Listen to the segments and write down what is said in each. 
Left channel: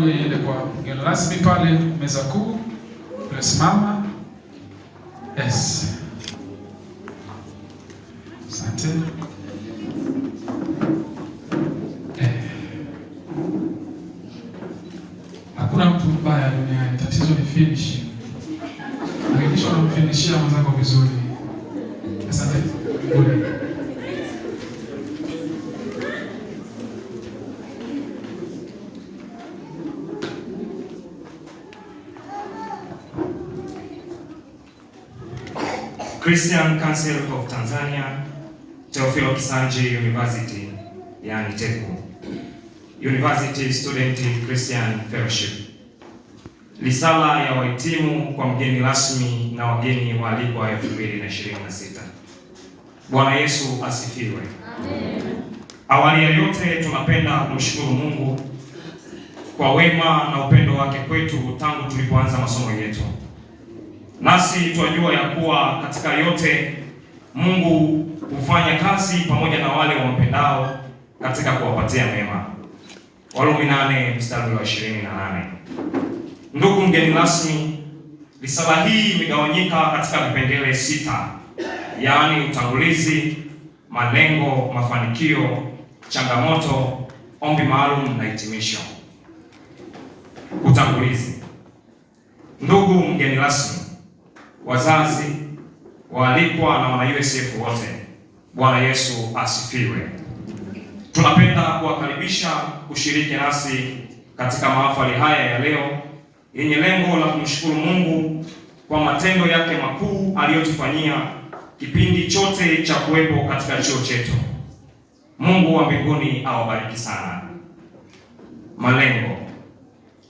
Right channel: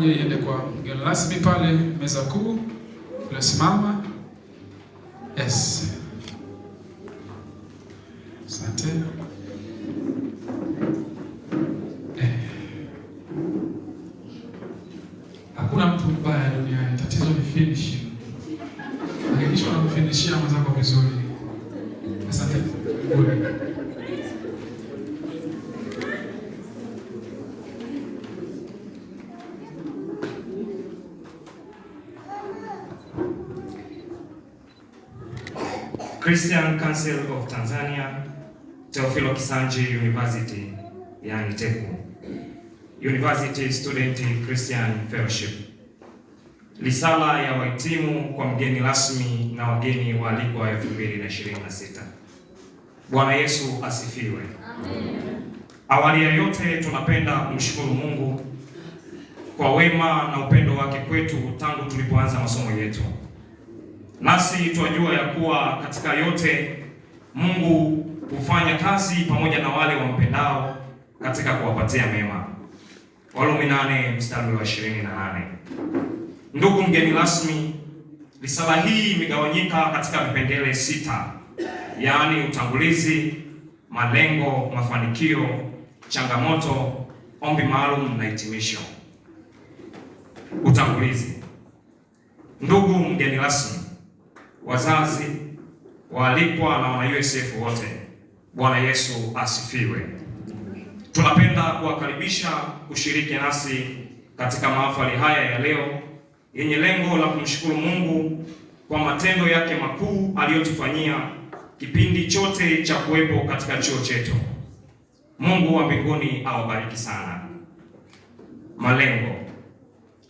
moja iende kwa mgeni rasmi pale meza kuu. Unasimama. Yes. Asante. Hakuna mtu mbaya duniani, tatizo ni finishing. Hakikisha unamfinishia mwenzako vizuri. Asante. Christian Council of Tanzania, Teofilo Kisanji University, yani TECU, University Student Christian Fellowship. Risala ya wahitimu kwa mgeni rasmi na wageni waalikwa 2026. Bwana Yesu asifiwe. Amen. Awali ya yote tunapenda kumshukuru Mungu kwa wema na upendo wake kwetu tangu tulipoanza masomo yetu. Nasi twajua ya kuwa katika yote Mungu hufanya kazi pamoja na wale wampendao katika kuwapatia mema. Warumi 8 mstari wa 28. Ndugu mgeni rasmi, risala hii imegawanyika katika vipengele 6, yaani utangulizi, malengo, mafanikio, changamoto, ombi maalum na hitimisho. Utangulizi. Ndugu mgeni rasmi, wazazi, waalikwa na wana USF wote, Bwana Yesu asifiwe. Tunapenda kuwakaribisha kushiriki nasi katika mahafali haya ya leo yenye lengo la kumshukuru Mungu kwa matendo yake makuu aliyotufanyia kipindi chote cha kuwepo katika chuo chetu. Mungu wa mbinguni awabariki sana. Malengo.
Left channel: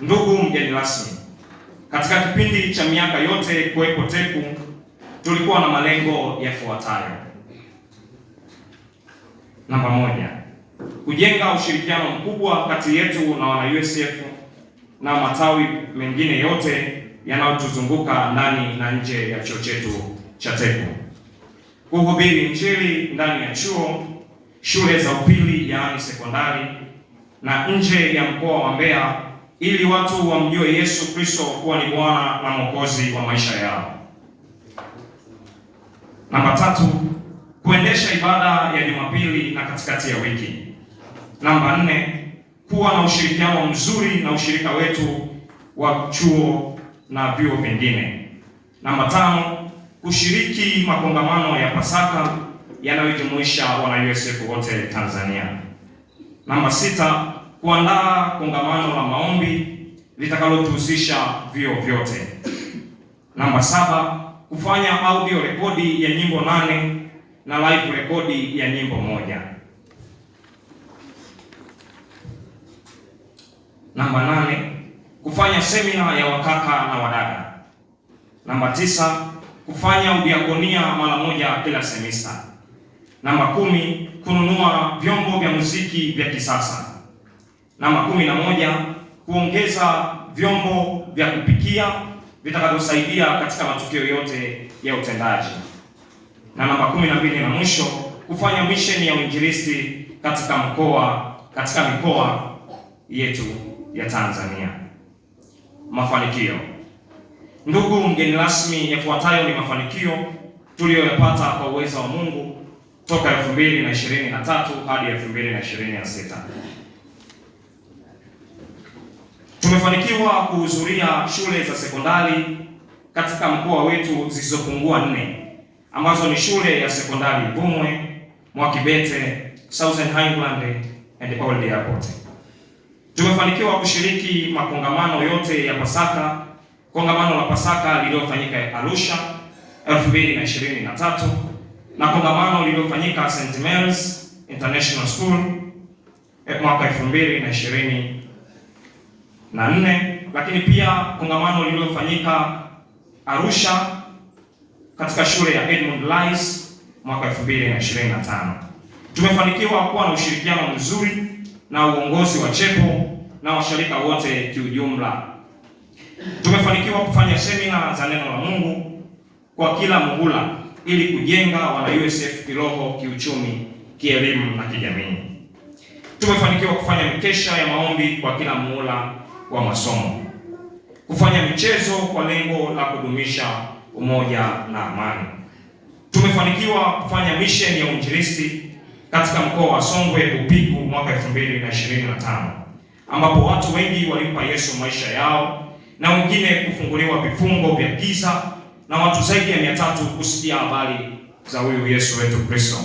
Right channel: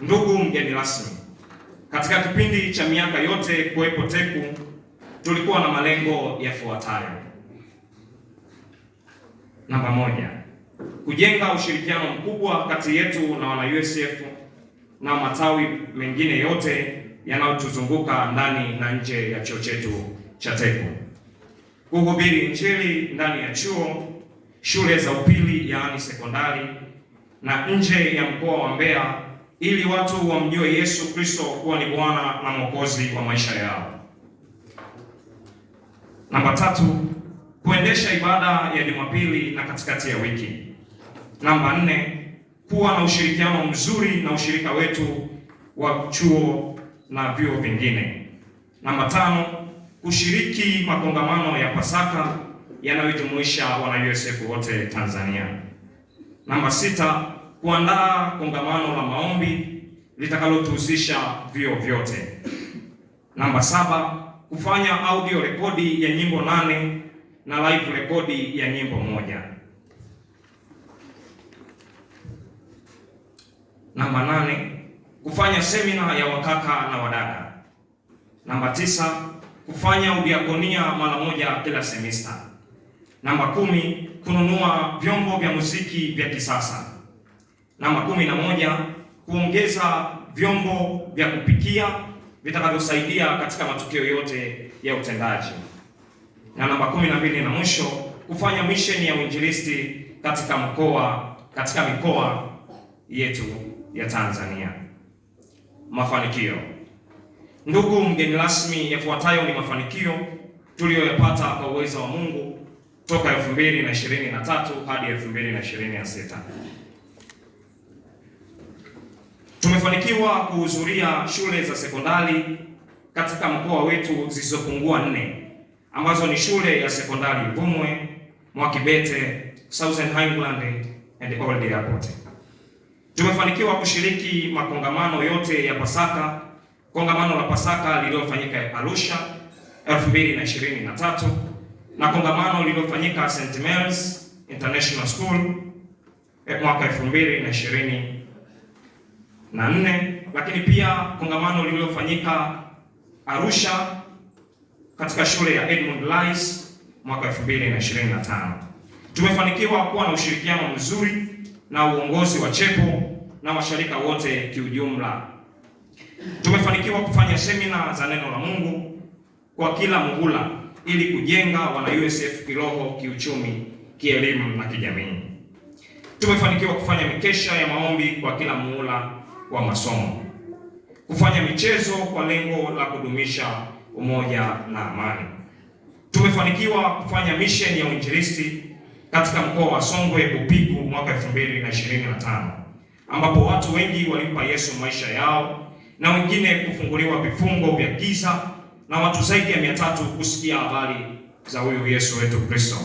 Ndugu mgeni rasmi, katika kipindi cha miaka yote kuwepo TECU tulikuwa na malengo yafuatayo. Namba 1, kujenga ushirikiano mkubwa kati yetu na wana USF na matawi mengine yote yanayotuzunguka ndani na nje ya chuo chetu cha TECU. Kuhubiri Injili ndani ya chuo, shule za upili yaani sekondari na nje ya mkoa wa Mbeya ili watu wamjue Yesu Kristo kuwa ni Bwana na Mwokozi wa maisha yao. Namba 3, kuendesha ibada ya Jumapili na katikati ya wiki. Namba 4, kuwa na ushirikiano mzuri na ushirika wetu wa chuo na vyuo vingine. Namba 5, kushiriki makongamano ya Pasaka yanayojumuisha wana USF wote Tanzania. Namba 6, kuandaa kongamano la maombi litakalotuhusisha vyuo vyote. Namba 7, kufanya audio rekodi ya nyimbo 8 na live rekodi ya nyimbo 1. Namba 8, kufanya semina ya wakaka na wadada. Namba 9, kufanya udiakonia mara moja kila semester. Namba 10, kununua vyombo vya muziki vya kisasa. Namba 11, kuongeza vyombo vya kupikia vitakavyosaidia katika matukio yote ya utendaji. Na namba 12 na mwisho, kufanya misheni ya uinjilisti katika mikoa yetu ya Tanzania. Mafanikio. Ndugu mgeni rasmi, yafuatayo ni mafanikio tuliyoyapata kwa uwezo wa Mungu toka 2023 hadi 2026. Tumefanikiwa kuhudhuria shule za sekondari katika mkoa wetu zisizopungua 4 ambazo ni shule ya sekondari Bumwe, Mwakibete, Southern Highland and Old Airport. Tumefanikiwa kushiriki makongamano yote ya Pasaka. Kongamano la Pasaka lililofanyika Arusha 2023 na kongamano lililofanyika St. Mary's International School mwaka 2024, lakini pia kongamano lililofanyika Arusha katika shule ya Edmund Rice mwaka 2025. Tumefanikiwa kuwa na ushirikiano mzuri na uongozi wa CHEPO na washirika wote kiujumla. Tumefanikiwa kufanya semina za neno la Mungu kwa kila muhula ili kujenga wana USF kiroho, kiuchumi, kielimu na kijamii. Tumefanikiwa kufanya mikesha ya maombi kwa kila muhula wa masomo, kufanya michezo kwa lengo la kudumisha umoja na amani. Tumefanikiwa kufanya mission ya uinjilisti katika mkoa wa Songwe Bupigu mwaka 2025, ambapo watu wengi walimpa Yesu maisha yao na wengine kufunguliwa vifungo vya giza na watu zaidi ya 300 kusikia habari za huyu Yesu wetu Kristo.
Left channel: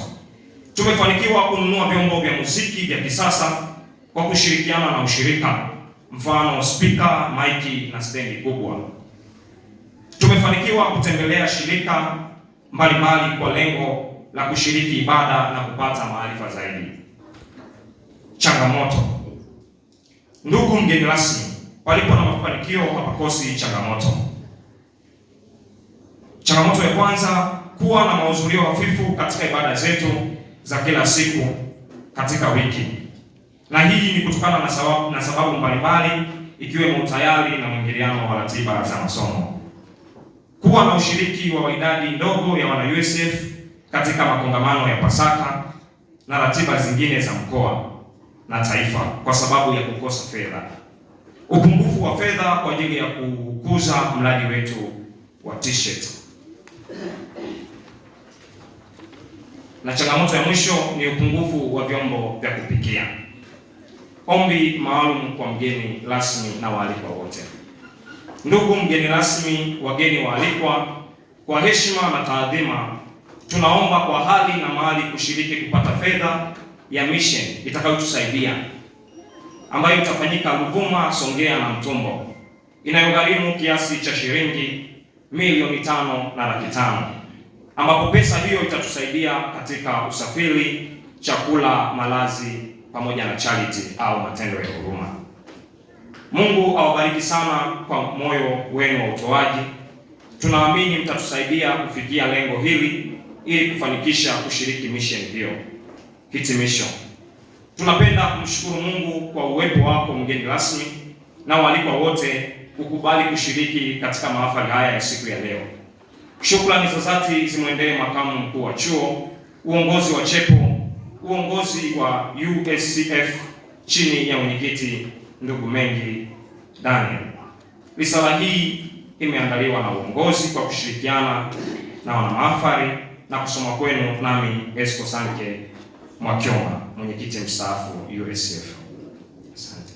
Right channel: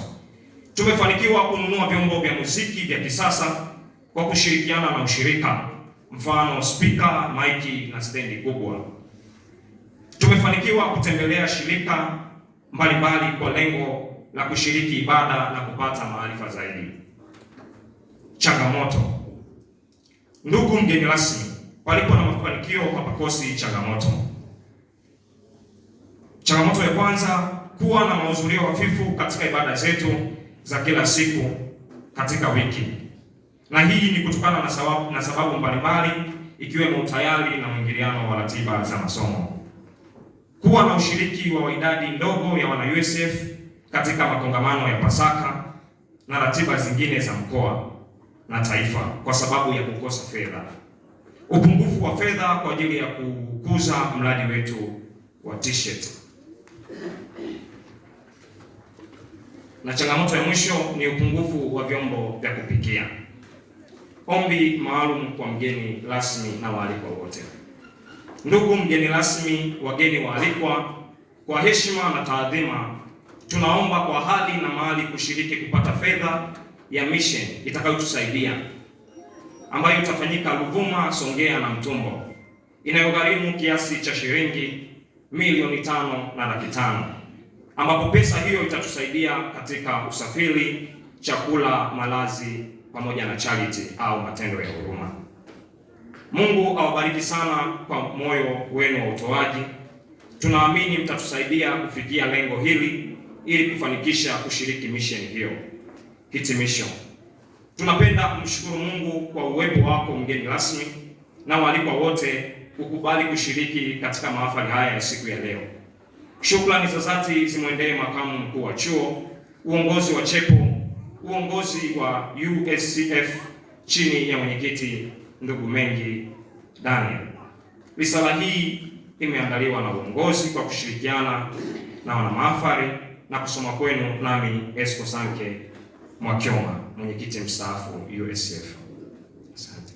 Tumefanikiwa kununua vyombo vya muziki vya kisasa kwa kushirikiana na ushirika, mfano speaker, maiki na stendi kubwa. Tumefanikiwa kutembelea shirika mbalimbali kwa lengo la kushiriki ibada na kupata maarifa zaidi. Changamoto. Ndugu mgeni rasmi, palipo na mafanikio hapakosi changamoto. Changamoto ya kwanza, kuwa na mahudhurio hafifu katika ibada zetu za kila siku katika wiki, na hii ni kutokana na sababu mbalimbali ikiwemo utayari na mwingiliano wa ratiba za masomo. Kuwa na ushiriki wa idadi ndogo ya wana USF katika makongamano ya Pasaka na ratiba zingine za mkoa na taifa kwa sababu ya kukosa fedha. Upungufu wa fedha kwa ajili ya kukuza mradi wetu wa t-shirt. Na changamoto ya mwisho ni upungufu wa vyombo vya kupikia. Ombi maalum kwa mgeni rasmi na waalikwa wote. Ndugu mgeni rasmi, wageni waalikwa, kwa heshima na taadhima, tunaomba kwa hali na mali kushiriki kupata fedha ya mission itakayotusaidia, ambayo itafanyika Ruvuma, Songea na Mtumbo, inayogharimu kiasi cha shilingi milioni 5,500,000, ambapo pesa hiyo itatusaidia katika usafiri, chakula, malazi pamoja na charity au matendo ya huruma. Mungu awabariki sana kwa moyo wenu wa utoaji. Tunaamini mtatusaidia kufikia lengo hili ili kufanikisha kushiriki mission hiyo. Hitimisho. Tunapenda kumshukuru Mungu kwa uwepo wako mgeni rasmi na waalikwa wote kukubali kushiriki katika mahafali haya ya siku ya leo. Shukrani za dhati zimwendee makamu mkuu wa chuo, uongozi wa chepo, uongozi wa USCF chini ya mwenyekiti ndugu Mengi Daniel. Risala hii imeandaliwa na uongozi kwa kushirikiana na wana mahafali na kusoma kwenu nami Esco Sanke Mwakyoma, mwenyekiti mstaafu USCF. Asante.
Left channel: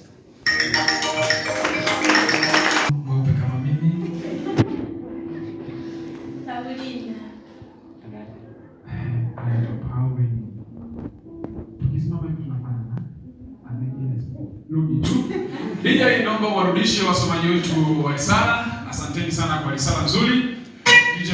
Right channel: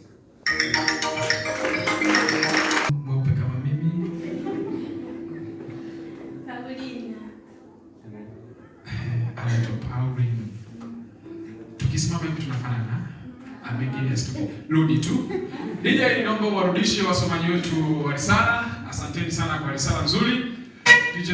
Mweupe kama mimi. Paulina. Anaitwa Paulina. Tukisimama hivi tunafanana. Amengine asitoke. Rudi tu. Hija inaomba warudishe wasomaji wetu wa risala. Asanteni sana kwa risala nzuri. DJ.